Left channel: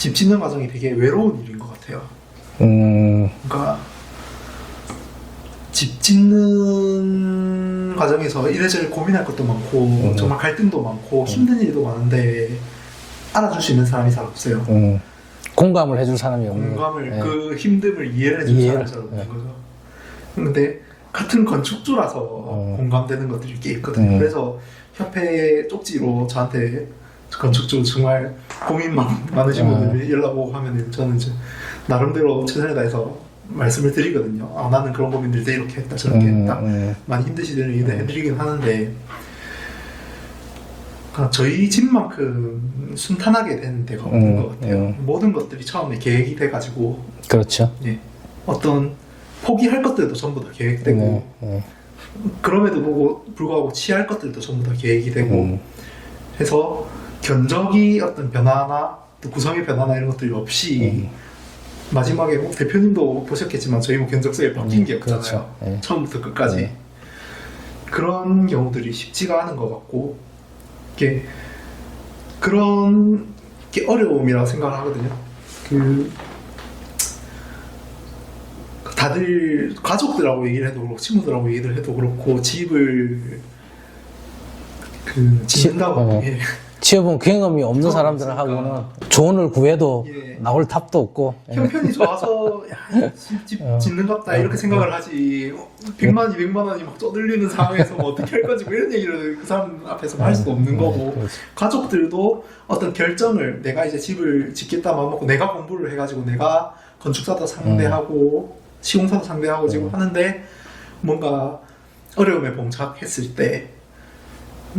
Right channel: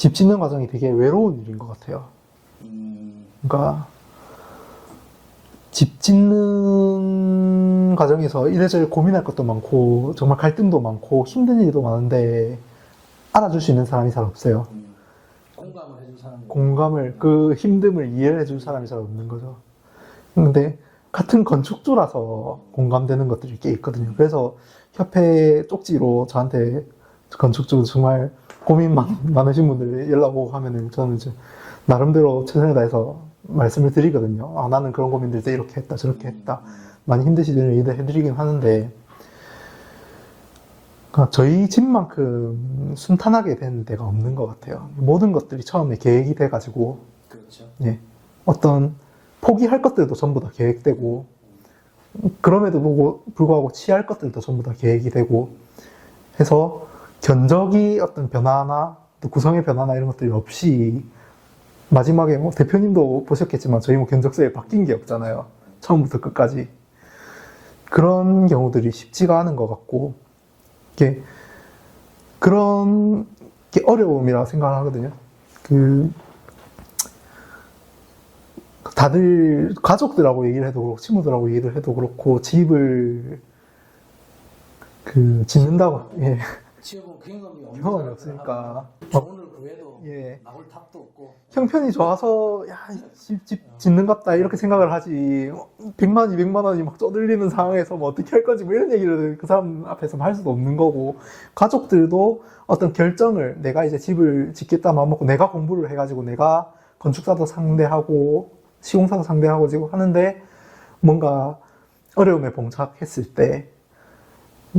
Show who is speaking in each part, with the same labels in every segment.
Speaker 1: 집 짓는 과정이 되게 외로운 일인 것 같아요.
Speaker 2: 음,
Speaker 1: 그러니까 집 짓는 과정에서 이래저래 고민할 것도 많고 정말 갈등도 많고 힘든 일도 많은데 알아줄 수 있는 사람이 잘 없어요.
Speaker 2: 음. 공감을 해줄 사람이 없는
Speaker 1: 공감을
Speaker 2: 네.
Speaker 1: 그 힘듦을 이해를 해줄
Speaker 2: 이해를-
Speaker 1: 사람이 잘 없는 거죠. 근데 같은 건축주라서
Speaker 2: 어.
Speaker 1: 공감되는 것들이 꽤 있거든요.
Speaker 2: 음.
Speaker 1: 그래서 협회 쪽지로 저한테 건축주 정말 고민 많, 많으신
Speaker 2: 음.
Speaker 1: 분들이 연락 오고 하면은 저는 이제 나름대로 최선을 다해서 말씀을 드리거든요. 아, 나는 그런 고민들 때 이렇게 했다 저렇게
Speaker 2: 음,
Speaker 1: 했다.
Speaker 2: 음.
Speaker 1: 많이 힘드시대는 얘기를 해드리긴 하는데 그러니까 저희 집만큼 순탄하게 된 데가 없는
Speaker 2: 음,
Speaker 1: 것 같아요.
Speaker 2: 음.
Speaker 1: 모든 것들이 처음에 계획이 돼가지고
Speaker 2: 그렇죠.
Speaker 1: 예, 어떤 포기할 것들도 전부 다 계획되고
Speaker 2: 네, 네.
Speaker 1: 그럼에도 보고 불구하고 취할 것들도 전부 다 계획이 되고
Speaker 2: 음,
Speaker 1: 해서 견적이 어떤 변화나 또 구성의 변화나 이런 것들이 없이
Speaker 2: 음.
Speaker 1: 마지막에 뭐 대표님도 보셨겠지만 저희 뭐 견적서에 바뀐 게 없잖아요.
Speaker 2: 그렇죠. 예.
Speaker 1: 처음부터 끝까지
Speaker 2: 네.
Speaker 1: 그런 경우들이 쉽지가 않은 것 같고 이게 그런 게 어려움이라고 생각을 하거든요. 그 다들 가족들하고 얘기를 해도 그렇고 친구들하고 얘기를 해도 그렇고 집을 그 짓는다고
Speaker 2: 어.
Speaker 1: 예.
Speaker 2: 취업은 경험이 없는 사람들하고는
Speaker 1: 없으니까.
Speaker 2: 조언을 구해도
Speaker 1: 예.
Speaker 2: 나올 탑도 없고 예.
Speaker 1: 형편이 좋아서 야, 집, 집
Speaker 2: 어.
Speaker 1: 짓는갑다 이렇게 생각을 하지 100만 200만 원이 막 떠들리는 상황에서 뭐 어떻게 할 건지 뭐 이런 얘기를 그 사람 앞에서 할 수도 없는 거고
Speaker 2: 그렇지.
Speaker 1: 가족들도 어떤 결정을 내가 이제 집을 짓겠다 마음먹고 내가 공부를 해가지고 내가 건축사도 상대하고 시공사도 상대하고 지금 하는데 뭔가 어려움에 봉착했을 때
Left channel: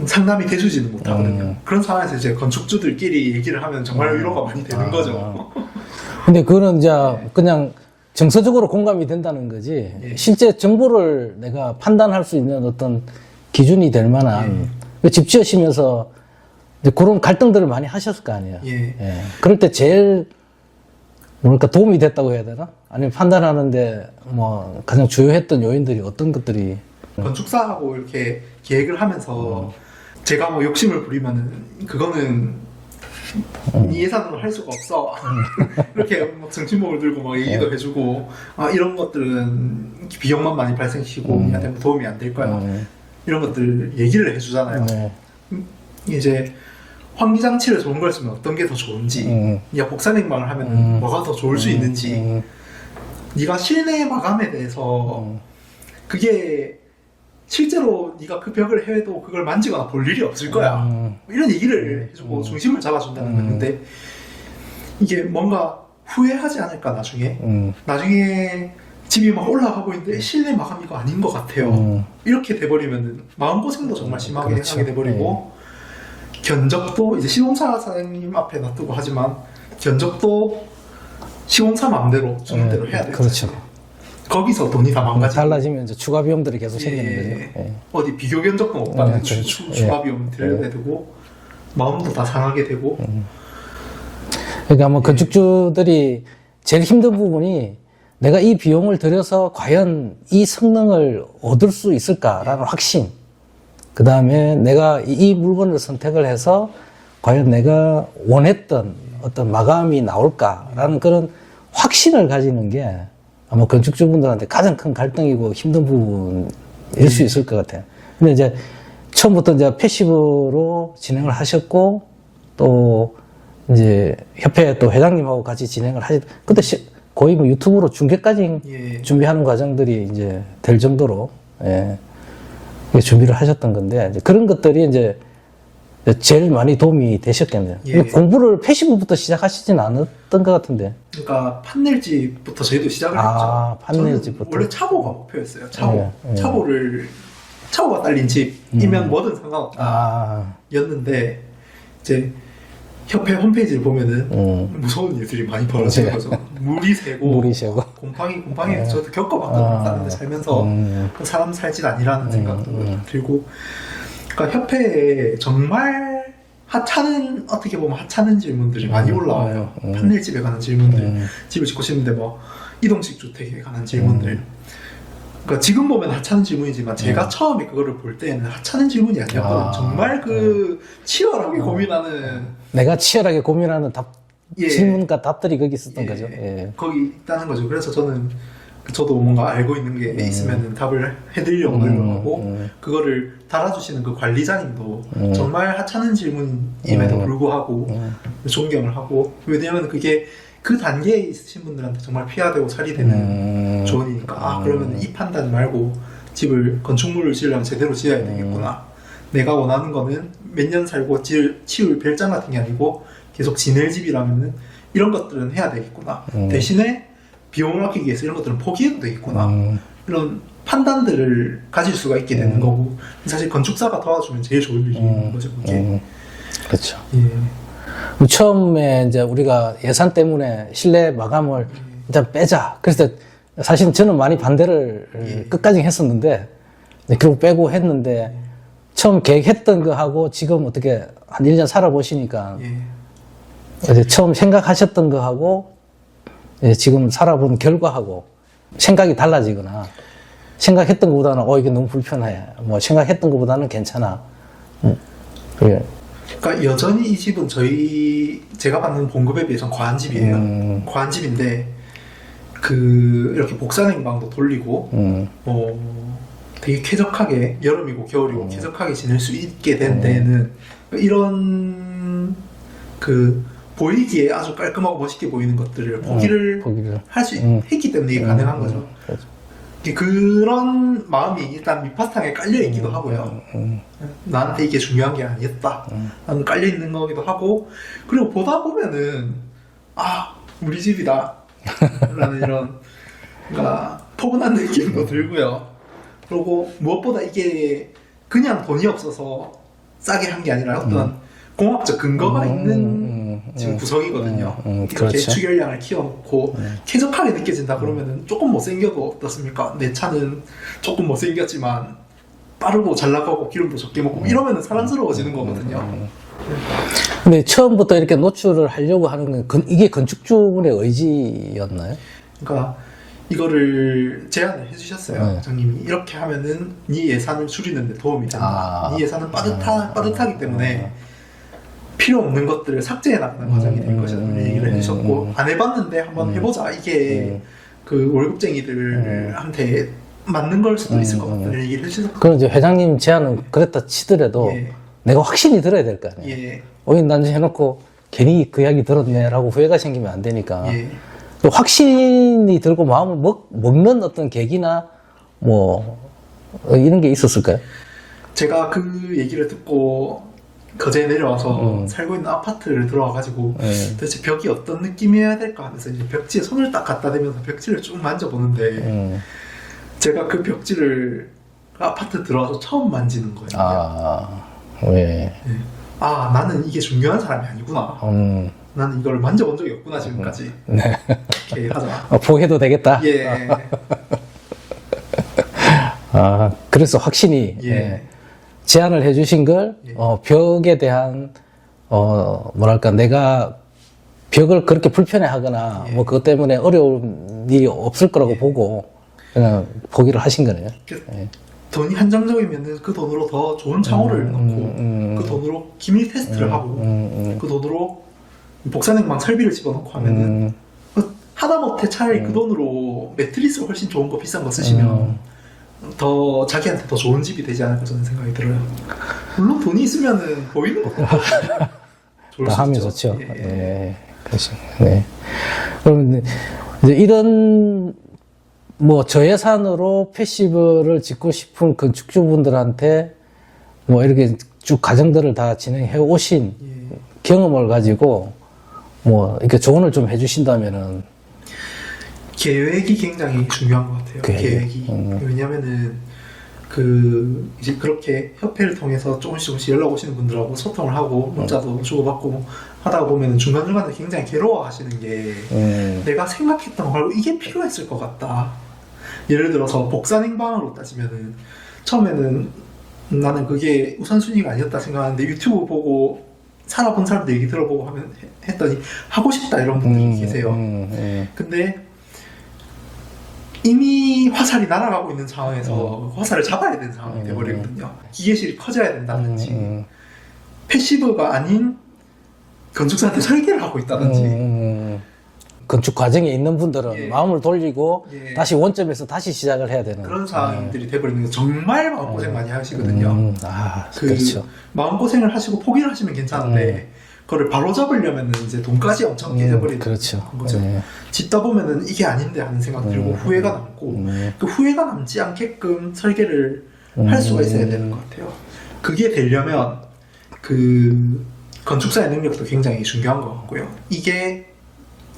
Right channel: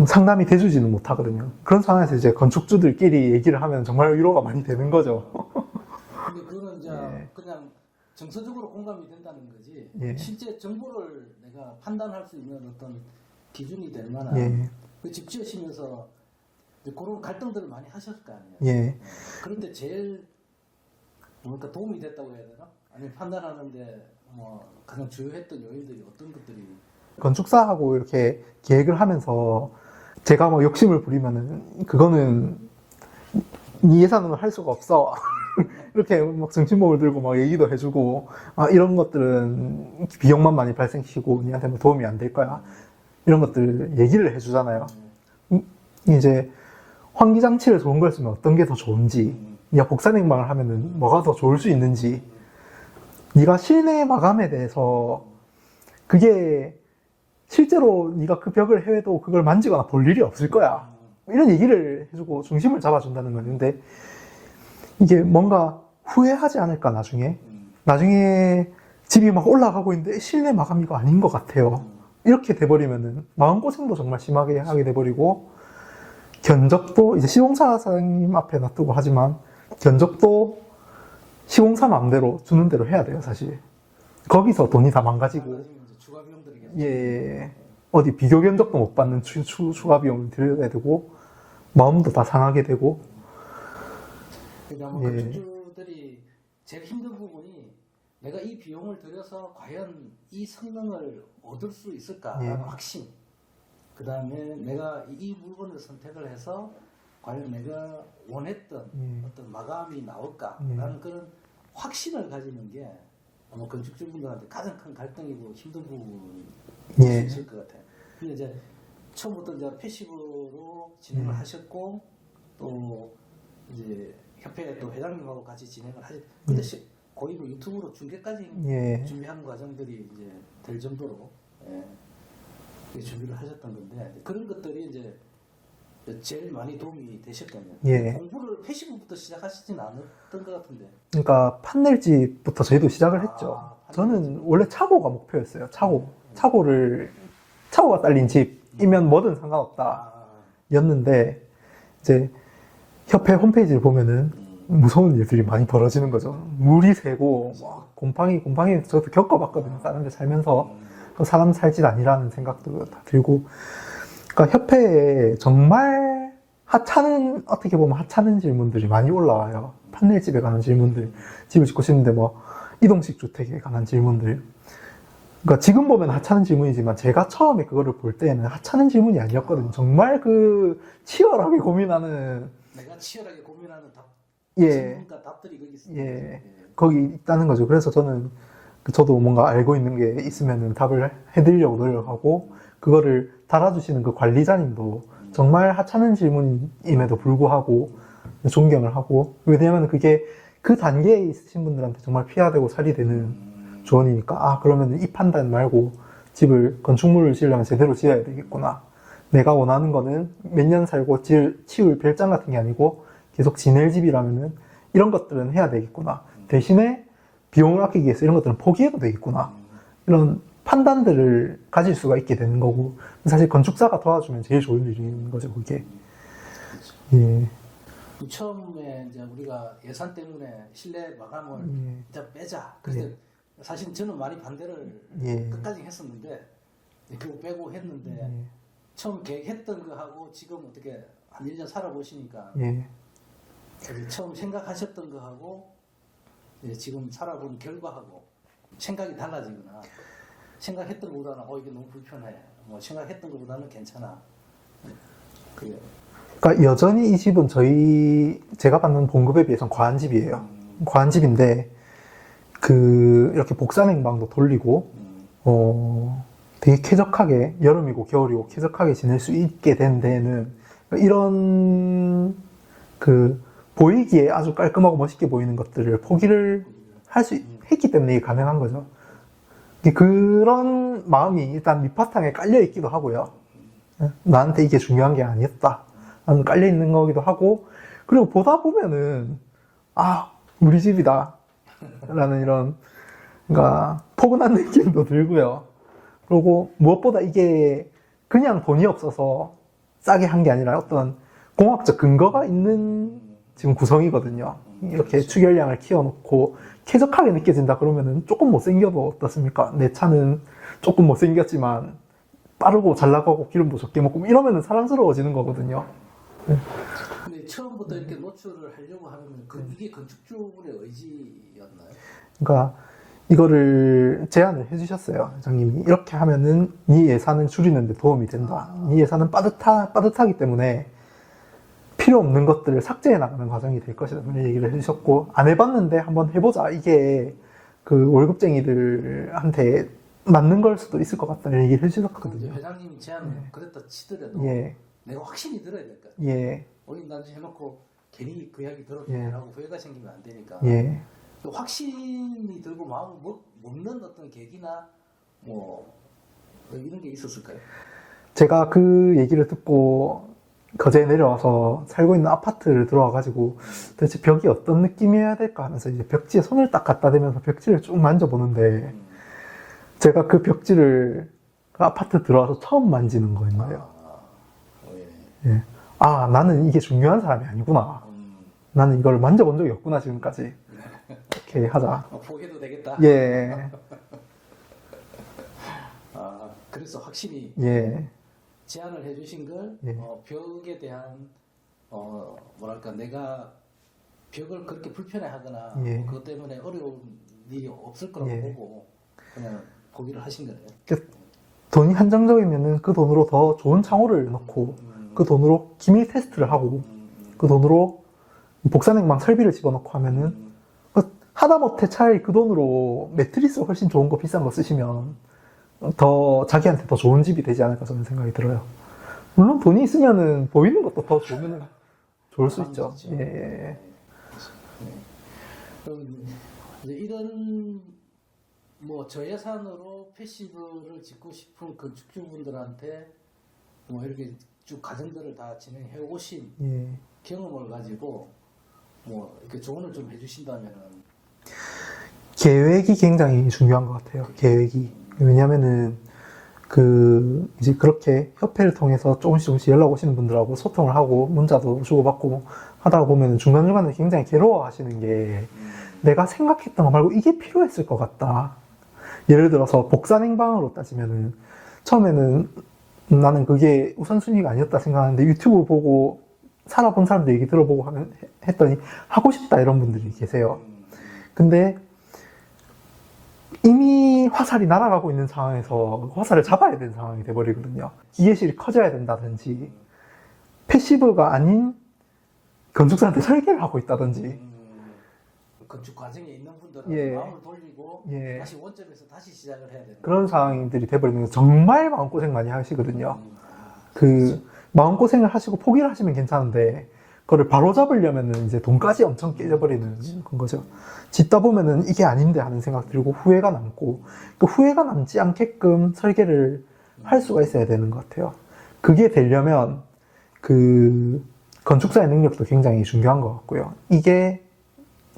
Speaker 1: 상담이 돼주지는 못하거든요.
Speaker 2: 음.
Speaker 1: 그런 상황에서 이제 건축주들끼리 얘기를 하면 정말 위로가 많이 되는
Speaker 2: 아.
Speaker 1: 거죠.
Speaker 2: 근데 그거는 이제 그냥 정서적으로 공감이 된다는 거지
Speaker 1: 예.
Speaker 2: 실제 정보를 내가 판단할 수 있는 어떤 기준이 될 만한
Speaker 1: 예.
Speaker 2: 그집 지으시면서 이제 그런 갈등들을 많이 하셨을 거 아니에요.
Speaker 1: 예.
Speaker 2: 예. 그럴 때 제일 뭐랄까 도움이 됐다고 해야 되나? 아니면 판단하는데 뭐 가장 주요했던 요인들이 어떤 것들이
Speaker 1: 건축사하고 이렇게 계획을 하면서
Speaker 2: 음.
Speaker 1: 제가 뭐 욕심을 부리면은 그거는
Speaker 2: 음.
Speaker 1: 네 예산으로 할 수가 없어 이렇게 막 정신목을 들고 막 얘기도
Speaker 2: 네.
Speaker 1: 해주고 아 이런 것들은 비용만 많이 발생시키고
Speaker 2: 음.
Speaker 1: 니한테 뭐 도움이 안 될 거야
Speaker 2: 음,
Speaker 1: 이런 것들 얘기를 해주잖아요
Speaker 2: 네.
Speaker 1: 이제 환기장치를 좋은 걸 쓰면 어떤 게 더 좋은지
Speaker 2: 음.
Speaker 1: 야 복사냉방을 하면은
Speaker 2: 음.
Speaker 1: 뭐가 더 좋을 수 있는지
Speaker 2: 음,
Speaker 1: 네가 실내 마감에 대해서
Speaker 2: 음.
Speaker 1: 그게 실제로 네가 그 벽을 해도 그걸 만지거나 볼 일이 없을 거야.
Speaker 2: 음.
Speaker 1: 이런 얘기를 해주고 중심을 잡아준다는
Speaker 2: 음.
Speaker 1: 건데 이게 뭔가 후회하지 않을까 나중에
Speaker 2: 음.
Speaker 1: 나중에 집이 막 올라가고 있는데 실내 마감 이거 아닌 것 같아요.
Speaker 2: 음.
Speaker 1: 이렇게 돼버리면은 마음고생도 정말 심하게
Speaker 2: 그렇죠.
Speaker 1: 하게 돼버리고 견적도 이제 시공사 사장님 앞에 놔두고 하지만 견적도 시공사 마음대로 주는
Speaker 2: 네,
Speaker 1: 대로 해야 돼요.
Speaker 2: 그렇죠.
Speaker 1: 사실. 거기서 돈이 다 망가지고
Speaker 2: 달라지면 이제 추가 비용들이 계속
Speaker 1: 예,
Speaker 2: 생기는
Speaker 1: 예,
Speaker 2: 거죠. 예.
Speaker 1: 어디 비교 견적도 못 받는
Speaker 2: 네,
Speaker 1: 추,
Speaker 2: 그렇죠.
Speaker 1: 추,
Speaker 2: 예.
Speaker 1: 추가 비용 들여야 되고 마음도 다 상하게 되고
Speaker 2: 그러니까 뭐
Speaker 1: 예.
Speaker 2: 건축주들이 제일 힘든 부분이 내가 이 비용을 들여서 과연 이 성능을 얻을 수 있을까라는 확신. 그 다음에 내가 이- 이 물건을 선택을 해서 과연 내가 원했던 어떤 마감이 나올까라는 그런 확신을 가지는 게 아마 건축주분들한테 가장 큰 갈등이고 힘든 부분일 수 있을 것 같아요. 근데 이제 처음부터 이제 패시브로 진행을 하셨고 또 이제 협회 또 회장님하고 같이 진행을 하시, 근데 시- 거의 뭐 유튜브로 중계까지
Speaker 1: 예.
Speaker 2: 준비하는 과정들이 이제 될 정도로, 예, 준비를 하셨던 건데, 그런 것들이 이제 제일 많이 도움이 되셨겠네요.
Speaker 1: 예.
Speaker 2: 공부를 패시브부터 시작하시진 않았던 것 같은데.
Speaker 1: 그러니까 판넬집부터 저희도 시작을
Speaker 2: 아,
Speaker 1: 했죠.
Speaker 2: 판넬집부터.
Speaker 1: 원래 차고가 목표였어요. 차고.
Speaker 2: 예, 예.
Speaker 1: 차고를 차고가 딸린 집이면 뭐든 상관없다.
Speaker 2: 아,
Speaker 1: 였는데 이제 협회 홈페이지를 보면은
Speaker 2: 음.
Speaker 1: 무서운 일들이 많이 벌어지는
Speaker 2: 네.
Speaker 1: 거죠. 물이 새고
Speaker 2: 물이 새고.
Speaker 1: 곰팡이 곰팡이 저도 겪어봤거든요.
Speaker 2: 아.
Speaker 1: 다른 데 살면서
Speaker 2: 음.
Speaker 1: 그 사람 살짓 아니라는 생각도
Speaker 2: 음.
Speaker 1: 들고 그러니까 협회에 정말 하찮은 어떻게 보면 하찮은 질문들이 많이 올라와요.
Speaker 2: 음.
Speaker 1: 판넬집에 관한 질문들,
Speaker 2: 음.
Speaker 1: 집을 짓고 싶은데 뭐 이동식 주택에 관한 질문들. 그러니까 지금 보면 하찮은 질문이지만 제가 처음에 그거를 볼 때는 하찮은 질문이 아니었거든요.
Speaker 2: 아.
Speaker 1: 정말 그 치열하게 고민하는
Speaker 2: 내가 치열하게 고민하는 답,
Speaker 1: 예.
Speaker 2: 질문과 답들이 거기 있었던
Speaker 1: 예.
Speaker 2: 거죠. 예.
Speaker 1: 거기 있다는 거죠. 그래서 저는 그 저도 뭔가 알고 있는 게 있으면 답을 해드리려고 노력하고
Speaker 2: 음.
Speaker 1: 그거를 달아주시는 그 관리자님도
Speaker 2: 음.
Speaker 1: 정말 하찮은 질문임에도
Speaker 2: 음.
Speaker 1: 불구하고
Speaker 2: 음.
Speaker 1: 존경을 하고 왜냐하면 그게 그 단계에 있으신 분들한테 정말 피해야 되고 살이 되는
Speaker 2: 음.
Speaker 1: 조언이니까 아 그러면 이 판단 말고 집을 건축물을 지으려면 제대로 지어야 되겠구나 내가 원하는 거는 몇 년 살고 지 치울 별장 같은 게 아니고 계속 지낼 집이라면은 이런 것들은 해야 되겠구나
Speaker 2: 음.
Speaker 1: 대신에 비용을 아끼기 위해서 이런 것들은 포기해도 되겠구나
Speaker 2: 음.
Speaker 1: 이런 판단들을 가질 수가 있게 되는 거고 사실 건축사가 도와주면 제일 좋은 일인
Speaker 2: 음.
Speaker 1: 거죠 그게
Speaker 2: 음. 그렇죠.
Speaker 1: 예.
Speaker 2: 처음에 이제 우리가 예산 때문에 실내 마감을 일단 빼자. 그래서 사실은 저는 많이 반대를
Speaker 1: 예.
Speaker 2: 끝까지 했었는데 네, 결국 빼고 했는데 처음 계획했던 거 하고 지금 어떻게 한 1년 살아보시니까
Speaker 1: 예.
Speaker 2: 처음 생각하셨던 거 하고 이제 지금 살아본 결과하고 생각이 달라지거나 생각했던 것보다는 어 이게 너무 불편해. 뭐 생각했던 것보다는 괜찮아. 음. 그게
Speaker 1: 그러니까 여전히 이 집은 저희 제가 받는 봉급에 비해서 과한 집이에요.
Speaker 2: 음.
Speaker 1: 과한 집인데 그 이렇게 복사 냉방도 돌리고
Speaker 2: 음.
Speaker 1: 어 되게 쾌적하게 여름이고 겨울이고 쾌적하게 지낼 수 있게 된 데는 이런 그 보이기에 아주 깔끔하고 멋있게 보이는 것들을 포기를
Speaker 2: 포기를.
Speaker 1: 할수
Speaker 2: 음.
Speaker 1: 했기 때문에 이게 가능한 거죠.
Speaker 2: 그렇죠.
Speaker 1: 그런 마음이 일단 밑바탕에 깔려 있기도 하고요.
Speaker 2: 음.
Speaker 1: 나한테 이게 중요한 게 아니었다. 나는 깔려 있는 거기도 하고 그리고 보다 보면은 아 우리 집이다 라는 이런 그러니까 포근한 느낌도 들고요. 그리고 무엇보다 이게 그냥 돈이 없어서 싸게 한 게 아니라 어떤 공학적 근거가 있는
Speaker 2: 음,
Speaker 1: 지금 구성이거든요.
Speaker 2: 음, 음,
Speaker 1: 이렇게
Speaker 2: 그렇죠.
Speaker 1: 추결량을 키워놓고 쾌적하게 느껴진다 그러면은 조금 못생겨도 어떻습니까? 내 차는 조금 못생겼지만 빠르고 잘 나가고 기름도 적게 먹고 이러면은 사랑스러워지는 거거든요.
Speaker 2: 근데 처음부터 이렇게 노출을 하려고 하는 건 건- 이게 건축주분의 의지였나요?
Speaker 1: 그러니까 이거를 제안을 해주셨어요.
Speaker 2: 네.
Speaker 1: 장님이 이렇게 하면은 네 예산을 줄이는데 도움이 된다.
Speaker 2: 아.
Speaker 1: 네 예산은 빠듯하 빠듯하기 때문에 필요 없는 것들을 삭제해 나가는 과정이 될
Speaker 2: 음,
Speaker 1: 것이라는
Speaker 2: 음,
Speaker 1: 얘기를
Speaker 2: 음,
Speaker 1: 해주셨고
Speaker 2: 음.
Speaker 1: 안 해봤는데 한번 해보자. 이게
Speaker 2: 음.
Speaker 1: 그 월급쟁이들한테 맞는 걸 수도 있을 것
Speaker 2: 음,
Speaker 1: 같다는 얘기를 해주셨고
Speaker 2: 그럼 이제 회장님 제안은 그랬다 치더라도
Speaker 1: 예.
Speaker 2: 내가 확신이 들어야 될 거 아니에요?
Speaker 1: 예,
Speaker 2: 오인 난지 해놓고 괜히 그 이야기 들었네라고 후회가 생기면 안 되니까
Speaker 1: 예.
Speaker 2: 또 확신이 들고 마음을 먹, 먹는 어떤 계기나 뭐 어, 이런 게 있었을까요?
Speaker 1: 제가 그 얘기를 듣고 거제에 내려와서
Speaker 2: 음.
Speaker 1: 살고 있는 아파트를 들어와가지고
Speaker 2: 예.
Speaker 1: 도대체 벽이 어떤 느낌이어야 될까 하면서 이제 벽지에 손을 딱 갖다 대면서 벽지를 쭉 만져보는데
Speaker 2: 음.
Speaker 1: 제가 그 벽지를 그 아파트 들어와서 처음 만지는 거예요. 아.
Speaker 2: 아, 예.
Speaker 1: 아 나는 이게 중요한 사람이 아니구나.
Speaker 2: 음,
Speaker 1: 나는 이걸 만져본 적이 없구나 지금까지.
Speaker 2: 네.
Speaker 1: 이렇게 하자.
Speaker 2: 어, 포기해도 되겠다.
Speaker 1: 예,
Speaker 2: 아, 그래서 확신이
Speaker 1: 예.
Speaker 2: 예, 제안을 해주신 걸
Speaker 1: 예.
Speaker 2: 어, 벽에 대한 어, 뭐랄까 내가 벽을 그렇게 불편해하거나
Speaker 1: 예.
Speaker 2: 뭐 그것 때문에 어려운 일이 없을 거라고 보고 그냥 포기를 하신 거네요.
Speaker 1: 그
Speaker 2: 예.
Speaker 1: 돈이 한정적이면은 그 돈으로 더 좋은 창호를 넣고
Speaker 2: 음,
Speaker 1: 그 돈으로 기밀 테스트를 하고
Speaker 2: 음,
Speaker 1: 그 돈으로 복사냉방 설비를 집어넣고 하면은
Speaker 2: 음,
Speaker 1: 그 하다못해 차라리 그 돈으로 매트리스 훨씬 좋은 거 비싼 거 쓰시면
Speaker 2: 음.
Speaker 1: 더 자기한테 더 좋은 집이 되지 않을까 저는 생각이 들어요. 물론 돈이 있으면은 보이는 것도 좋을
Speaker 2: 다
Speaker 1: 수
Speaker 2: 하면
Speaker 1: 있죠.
Speaker 2: 좋죠.
Speaker 1: 예, 예.
Speaker 2: 예. 그렇죠. 네. 그럼 이제 이런 뭐 저예산으로 패시브를 짓고 싶은 건축주분들한테 뭐 이렇게 쭉 과정들을 다 진행해 오신
Speaker 1: 예.
Speaker 2: 경험을 가지고 뭐 이렇게 조언을 좀 해주신다면은
Speaker 1: 계획이 굉장히 중요한 것 같아요.
Speaker 2: 계획.
Speaker 1: 계획이
Speaker 2: 음.
Speaker 1: 왜냐면은 그 이제 그렇게 협회를 통해서 조금씩 조금씩 연락 오시는 분들하고 소통을 하고 문자도 주고받고 하다 보면은 중간 중간에 굉장히 괴로워하시는 게
Speaker 2: 음,
Speaker 1: 내가 생각했던 거 말고 이게 필요했을 것 같다. 예를 들어서 복사냉방으로 따지면은 처음에는 나는 그게 우선순위가 아니었다 생각하는데 유튜브 보고 살아본 사람들 얘기 들어보고 하면 했더니 하고 싶다 이런 분들이
Speaker 2: 음,
Speaker 1: 계세요.
Speaker 2: 음, 음.
Speaker 1: 근데 이미 화살이 날아가고 있는 상황에서 화살을 잡아야 되는 상황이 돼버리거든요. 기계실이 커져야 된다든지
Speaker 2: 음,
Speaker 1: 패시브가 아닌 건축사한테 설계를 하고 있다든지
Speaker 2: 음, 건축 과정에 있는 분들은
Speaker 1: 예.
Speaker 2: 마음을 돌리고
Speaker 1: 예.
Speaker 2: 다시 원점에서 다시 시작을 해야 되는
Speaker 1: 그런 상황들이 돼버리는 거 정말 마음고생 많이 하시거든요.
Speaker 2: 음, 아,
Speaker 1: 그
Speaker 2: 그렇죠.
Speaker 1: 마음고생을 하시고 포기를 하시면 괜찮은데 그거를 바로 잡으려면 이제 돈까지 엄청 깨져버리는
Speaker 2: 그렇죠.
Speaker 1: 거죠.
Speaker 2: 예.
Speaker 1: 짓다 보면은 이게 아닌데 하는 생각 들고
Speaker 2: 음.
Speaker 1: 후회가 남고
Speaker 2: 음.
Speaker 1: 그 후회가 남지 않게끔 설계를 할
Speaker 2: 음.
Speaker 1: 수가 있어야 되는 것 같아요. 그게 되려면 그 건축사의 능력도 굉장히 중요한 것 같고요. 이게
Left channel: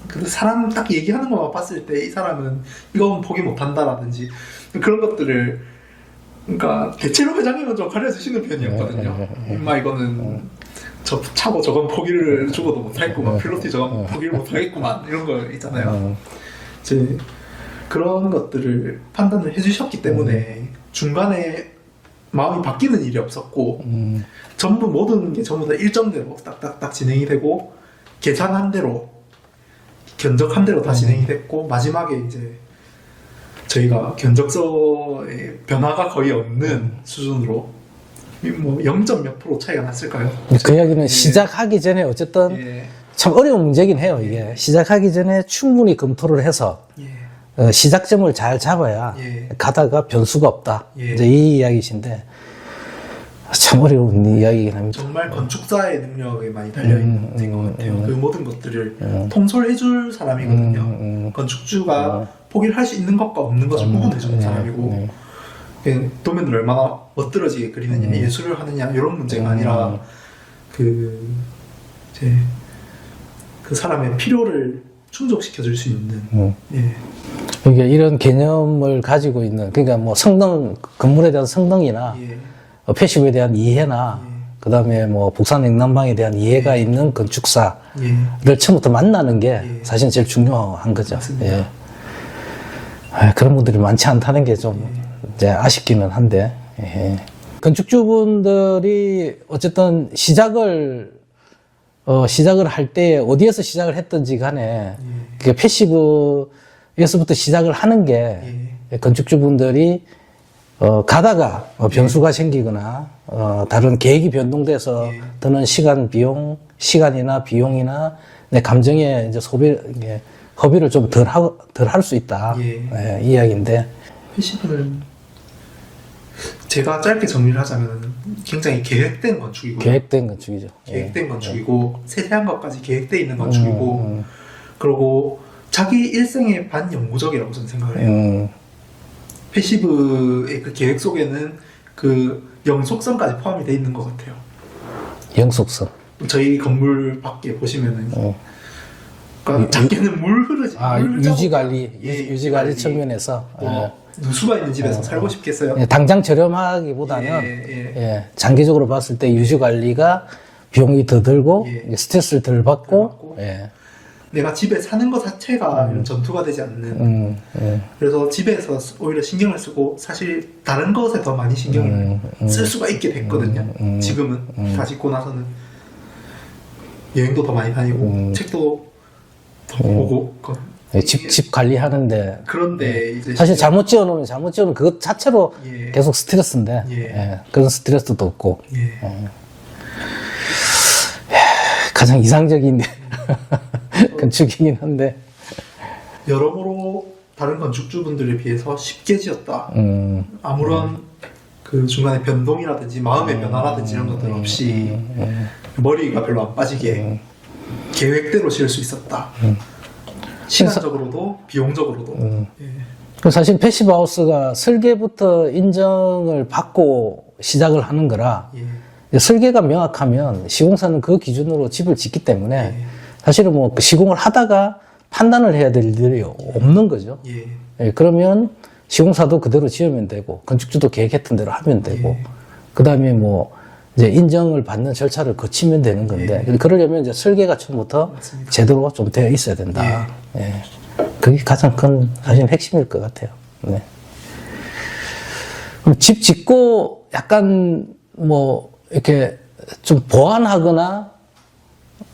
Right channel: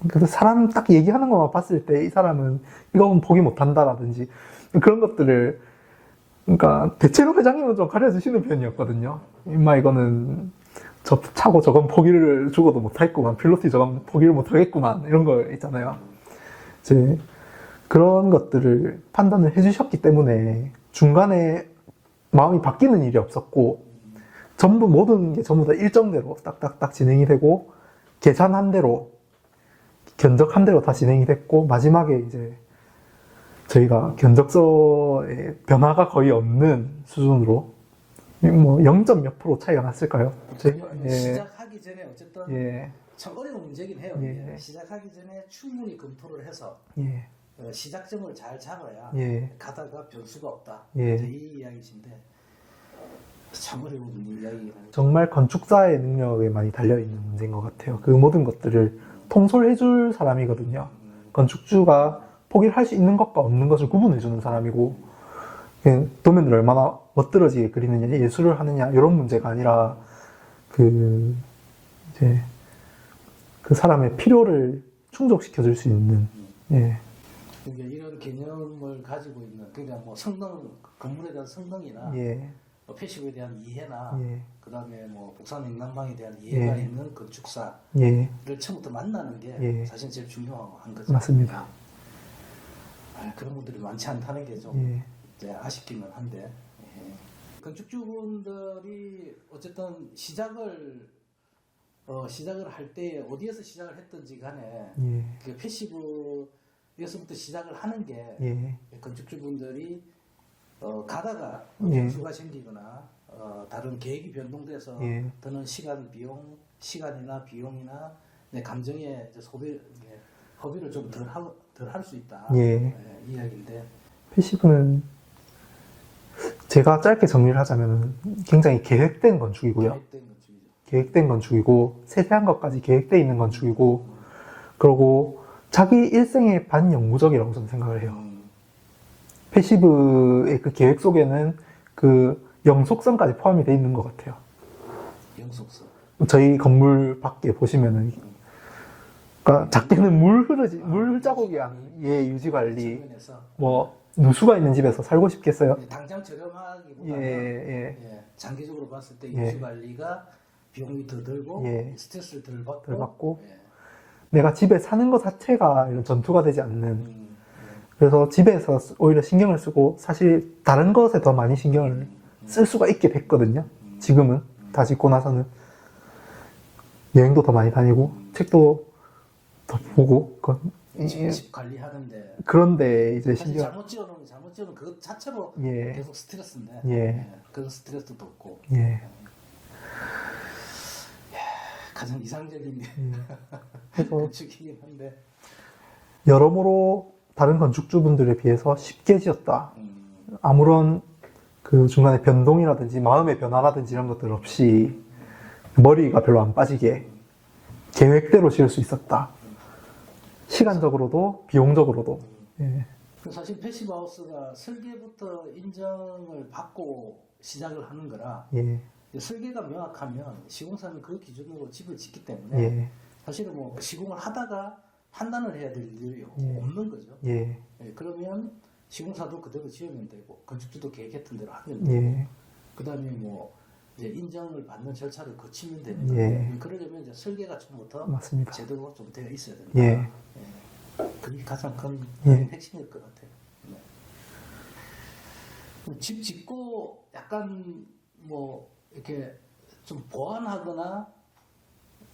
Speaker 1: 그 사람 딱 얘기하는 것만 봤을 때 이 사람은 이건 포기 못한다라든지 그런 것들을 그러니까 대체로 회장님은 좀 가려주시는 편이었거든요.
Speaker 2: 네, 네, 네.
Speaker 1: 임마 이거는 저 차고 저건 포기를 죽어도 못하겠구만. 필로티 저건 포기를 못하겠구만. 이런 거 있잖아요.
Speaker 2: 음,
Speaker 1: 이제 그런 것들을 판단을 해주셨기 때문에 중간에 마음이 바뀌는 일이 없었고
Speaker 2: 음,
Speaker 1: 전부 모든 게 전부 다 일정대로 딱딱딱 진행이 되고 계산한 대로 견적한 대로 다 진행이 됐고 마지막에 이제 저희가 견적서에 변화가 거의 없는 수준으로 뭐 0점 몇 프로 차이가 났을까요?
Speaker 2: 그 이야기는
Speaker 1: 예.
Speaker 2: 시작하기 전에 어쨌든
Speaker 1: 예,
Speaker 2: 참 어려운 문제긴 해요. 이게 시작하기 전에 충분히 검토를 해서
Speaker 1: 예,
Speaker 2: 어, 시작점을 잘 잡아야
Speaker 1: 예.
Speaker 2: 가다가 변수가 없다.
Speaker 1: 예.
Speaker 2: 이제 이 이야기신데 참 어려운 이야기긴 합니다.
Speaker 1: 정말 건축사의 능력에 많이 달려 있는
Speaker 2: 음,
Speaker 1: 문제인 것
Speaker 2: 음,
Speaker 1: 같아요.
Speaker 2: 음.
Speaker 1: 그 모든 것들을
Speaker 2: 음.
Speaker 1: 통솔해줄 사람이거든요.
Speaker 2: 음, 음.
Speaker 1: 건축주가 포기를 할 수 있는 것과 없는 것을 구분해주는
Speaker 2: 네,
Speaker 1: 사람이고
Speaker 2: 네.
Speaker 1: 그냥 도면을 얼마나 멋들어지게 그리느냐,
Speaker 2: 음.
Speaker 1: 예술을 하느냐 이런 문제가 아니라 그 이제 그 사람의 필요를 충족시켜줄 수 있는
Speaker 2: 음.
Speaker 1: 예,
Speaker 2: 이게 이런 개념을 가지고 있는 그러니까 뭐 성능 건물에 대한 성능이나
Speaker 1: 예,
Speaker 2: 어, 패시브에 대한 이해나
Speaker 1: 예.
Speaker 2: 그다음에 뭐 북산 냉난방에 대한 이해가
Speaker 1: 예.
Speaker 2: 있는 건축사를
Speaker 1: 예.
Speaker 2: 처음부터 만나는 게
Speaker 1: 예.
Speaker 2: 사실 제일 중요한 거죠.
Speaker 1: 맞습니다.
Speaker 2: 예. 아, 그런 분들이 많지 않다는 게좀
Speaker 1: 예.
Speaker 2: 이제 아쉽기는 한데 예. 건축주분들이 어쨌든 시작을 어, 시작을 할 때 어디에서 시작을 했든지 간에
Speaker 1: 예.
Speaker 2: 그 패시브에서부터 시작을 하는 게
Speaker 1: 예.
Speaker 2: 건축주분들이 어, 가다가 어, 변수가 생기거나 어, 다른 계획이 변동돼서
Speaker 1: 예.
Speaker 2: 드는 시간 비용, 시간이나 비용이나 내 감정의 이제 소비, 이게 허비를 좀 덜 하고 덜할 수 있다.
Speaker 1: 예.
Speaker 2: 예, 이 이야기인데
Speaker 1: 패시브는 제가 짧게 정리를 하자면 굉장히 계획된 건축이고요.
Speaker 2: 계획된 건축이죠. 예.
Speaker 1: 계획된 건축이고 세세한 것까지 계획돼 있는 건축이고
Speaker 2: 음,
Speaker 1: 그리고 자기 일생의 반영구적이라고 저는 생각을 해요.
Speaker 2: 음,
Speaker 1: 패시브의 그 계획 속에는 그 영속성까지 포함이 돼 있는 것 같아요.
Speaker 2: 영속성.
Speaker 1: 저희 건물 밖에 보시면은
Speaker 2: 어.
Speaker 1: 그러니까 작게는 물 흐르지.
Speaker 2: 아,
Speaker 1: 물
Speaker 2: 유지 관리,
Speaker 1: 예,
Speaker 2: 유지 관리 측면에서.
Speaker 1: 뭐 누수가 있는 집에서 살고 싶겠어요?
Speaker 2: 예, 당장 저렴하기보다는
Speaker 1: 예, 예.
Speaker 2: 예, 장기적으로 봤을 때 유지 관리가 비용이 더 들고
Speaker 1: 예.
Speaker 2: 스트레스를 덜 받고,
Speaker 1: 덜 받고.
Speaker 2: 예,
Speaker 1: 내가 집에 사는 것 자체가 이런 전투가 되지 않는.
Speaker 2: 음, 예,
Speaker 1: 그래서 집에서 쓰- 오히려 신경을 쓰고 사실 다른 것에 더 많이 신경을
Speaker 2: 음,
Speaker 1: 쓸 수가 있게 됐거든요.
Speaker 2: 음,
Speaker 1: 지금은. 다 짓고 나서는. 여행도 더 많이 다니고
Speaker 2: 음.
Speaker 1: 책도 더 보고 그-
Speaker 2: 예, 집, 집 관리하는데.
Speaker 1: 그런데 이제
Speaker 2: 사실 잘못 지어놓으면 잘못 지어놓은 그것 자체로
Speaker 1: 예.
Speaker 2: 계속 스트레스인데.
Speaker 1: 예.
Speaker 2: 예, 그런 스트레스도 없고.
Speaker 1: 예.
Speaker 2: 가장 이상적인
Speaker 1: 음.
Speaker 2: 건축이긴 한데.
Speaker 1: 여러모로 다른 건축주분들에 비해서 쉽게 지었다.
Speaker 2: 음,
Speaker 1: 아무런 그 중간에 변동이라든지 마음의 변화라든지 이런 것들 없이 머리가 별로 안 빠지게 계획대로 지을 수 있었다. 시간적으로도 비용적으로도. 예.
Speaker 2: 그 사실 패시브 하우스가 설계부터 인정을 받고 시작을 하는 거라
Speaker 1: 예.
Speaker 2: 설계가 명확하면 시공사는 그 기준으로 집을 짓기 때문에
Speaker 1: 예.
Speaker 2: 사실은 뭐그 시공을 하다가 판단을 해야 될 일이 없는 거죠.
Speaker 1: 예.
Speaker 2: 예, 그러면 시공사도 그대로 지으면 되고 건축주도 계획했던 대로 하면 되고
Speaker 1: 예.
Speaker 2: 그 다음에 뭐 이제 인정을 받는 절차를 거치면 되는 건데 그러려면 이제 설계가 처음부터
Speaker 1: 예. 맞습니다.
Speaker 2: 제대로 좀 되어 있어야 된다. 예. 그게 가장 큰 사실 핵심일 것 같아요. 네. 그럼 집 짓고 약간 뭐 이렇게 좀 보완하거나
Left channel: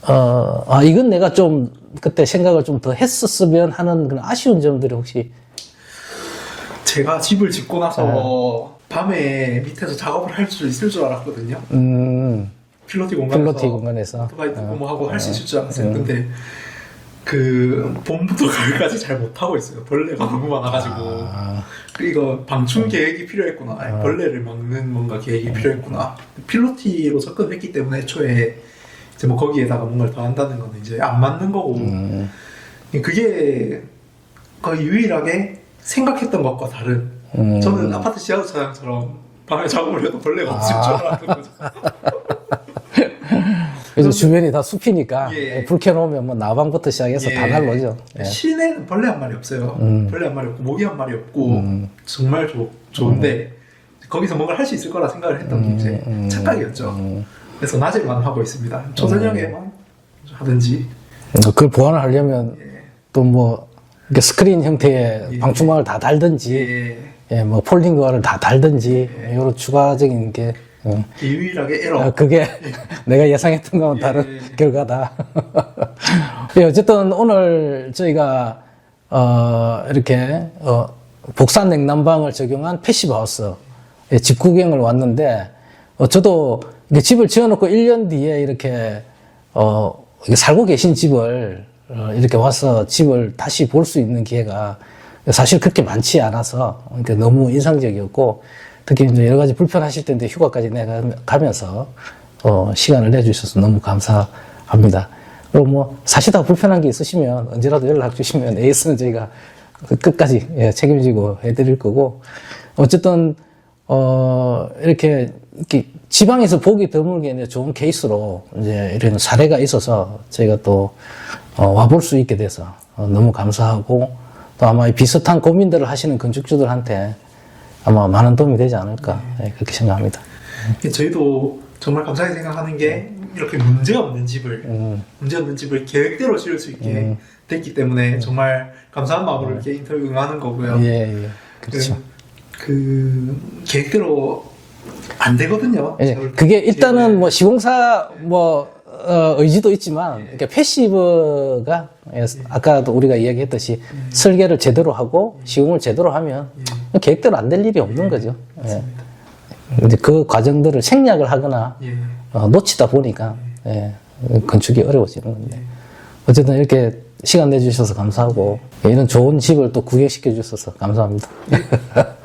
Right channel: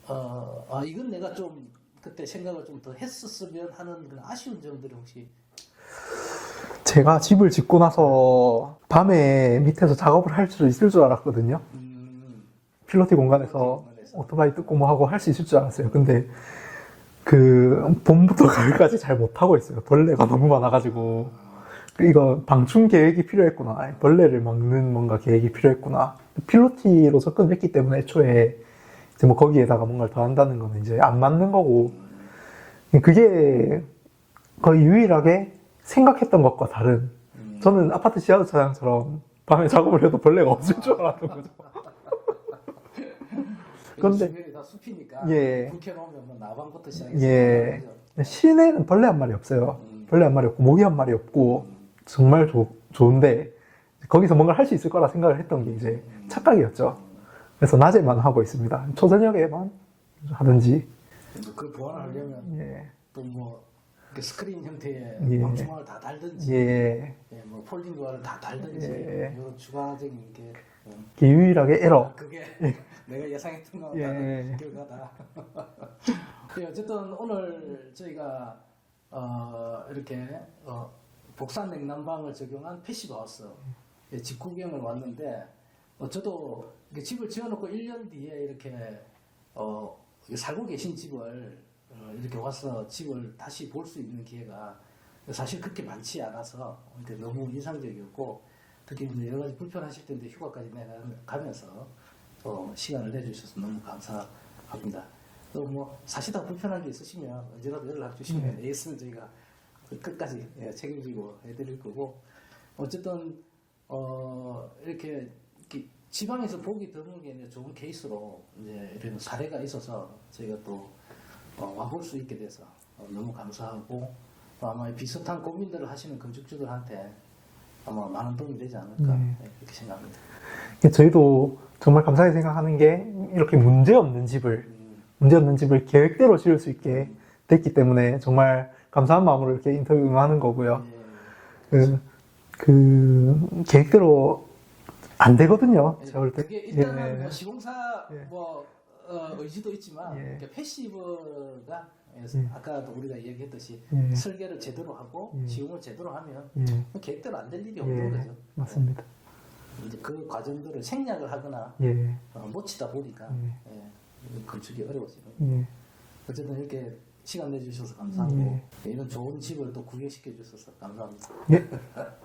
Speaker 2: 어, 아, 이건 내가 좀 그때 생각을 좀 더 했었으면 하는 그런 아쉬운 점들이 혹시
Speaker 1: 제가 집을 짓고 나서 밤에 밑에서 작업을 할 수 있을 줄 알았거든요.
Speaker 2: 음,
Speaker 1: 필로티 공간에서
Speaker 2: 필로티 공간에서.
Speaker 1: 오토바이 뜯고 뭐 하고 할 수 있을 줄
Speaker 2: 음.
Speaker 1: 알았어요. 근데 그 봄부터 가을까지 잘 못 하고 있어요. 벌레가 너무 많아가지고
Speaker 2: 아,
Speaker 1: 그 이거 방충 계획이 필요했구나. 아니, 벌레를 막는 뭔가 계획이 필요했구나. 필로티로 접근했기 때문에 애초에 이제 뭐 거기에다가 뭔가를 더 한다는 건 이제 안 맞는 거고
Speaker 2: 음,
Speaker 1: 그게 거의 유일하게 생각했던 것과 다른
Speaker 2: 음.
Speaker 1: 저는 아파트 지하수 차량처럼 밤에 작업을 해도 벌레가 없을 줄 알았던 거죠.
Speaker 2: 그래서 주변이 다 숲이니까
Speaker 1: 예.
Speaker 2: 불 켜놓으면 뭐 나방부터 시작해서 다
Speaker 1: 예.
Speaker 2: 날로죠. 예.
Speaker 1: 실내는 벌레 한 마리 없어요.
Speaker 2: 음.
Speaker 1: 벌레 한 마리 없고 모기 한 마리 없고 정말 좋, 좋은데 거기서 뭔가 할 수 있을 거라 생각을 했던 게 이제
Speaker 2: 음.
Speaker 1: 착각이었죠. 그래서 낮에만 하고 있습니다. 초저녁에만 하든지
Speaker 2: 그걸 보완을 하려면
Speaker 1: 예.
Speaker 2: 또 뭐 스크린 형태의
Speaker 1: 예.
Speaker 2: 방충망을 다 달든지,
Speaker 1: 예.
Speaker 2: 예, 뭐 폴딩거를 다 달든지 이런 추가적인 게 어,
Speaker 1: 유일하게 에러.
Speaker 2: 어, 그게 내가 예상했던 거와 다른
Speaker 1: 예.
Speaker 2: 결과다. 예, 어쨌든 오늘 저희가 어, 이렇게 어, 복산 냉난방을 적용한 패시브 하우스 예, 집 구경을 왔는데 어, 저도 집을 지어놓고 1년 뒤에 이렇게 어, 살고 계신 집을 어, 이렇게 와서 집을 다시 볼 수 있는 기회가 사실 그렇게 많지 않아서 그러니까 너무 인상적이었고 특히 이제 여러 가지 불편하실 텐데 휴가까지 내가 가면서 어, 시간을 내주셔서 너무 감사합니다. 그리고 뭐 사시다가 불편한 게 있으시면 언제라도 연락 주시면 에이스는 저희가 그 끝까지 예, 책임지고 해드릴 거고 어쨌든 어 이렇게, 이렇게 지방에서 보기 드물게 이제 좋은 케이스로 이제 이런 사례가 있어서 저희가 또 어, 와볼 수 있게 돼서 어, 너무 감사하고 또 아마 이 비슷한 고민들을 하시는 건축주들한테 아마 많은 도움이 되지 않을까 예, 그렇게 생각합니다.
Speaker 1: 저희도 정말 감사하게 생각하는 게 이렇게 문제 없는 집을 문제 없는 집을 계획대로 지을 수 있게 됐기 때문에 정말 감사한 마음으로 이렇게 인터뷰 응하는 거고요.
Speaker 2: 예, 예. 그렇죠.
Speaker 1: 그, 그 계획대로 안 되거든요.
Speaker 2: 예, 그게. 일단은 뭐 시공사 뭐 어, 의지도 있지만 이렇게 패시브가 예, 아까도 우리가 이야기했듯이 설계를 제대로 하고 시공을 제대로 하면 계획대로 안 될 일이 없는 거죠. 예.
Speaker 1: 맞습니다.
Speaker 2: 이제 그 과정들을 생략을 하거나
Speaker 1: 예.
Speaker 2: 어, 놓치다 보니까 예, 건축이 어려워지는 건데 어쨌든 이렇게 시간 내주셔서 감사하고 이런 좋은 집을 또 구경시켜 주셔서 감사합니다.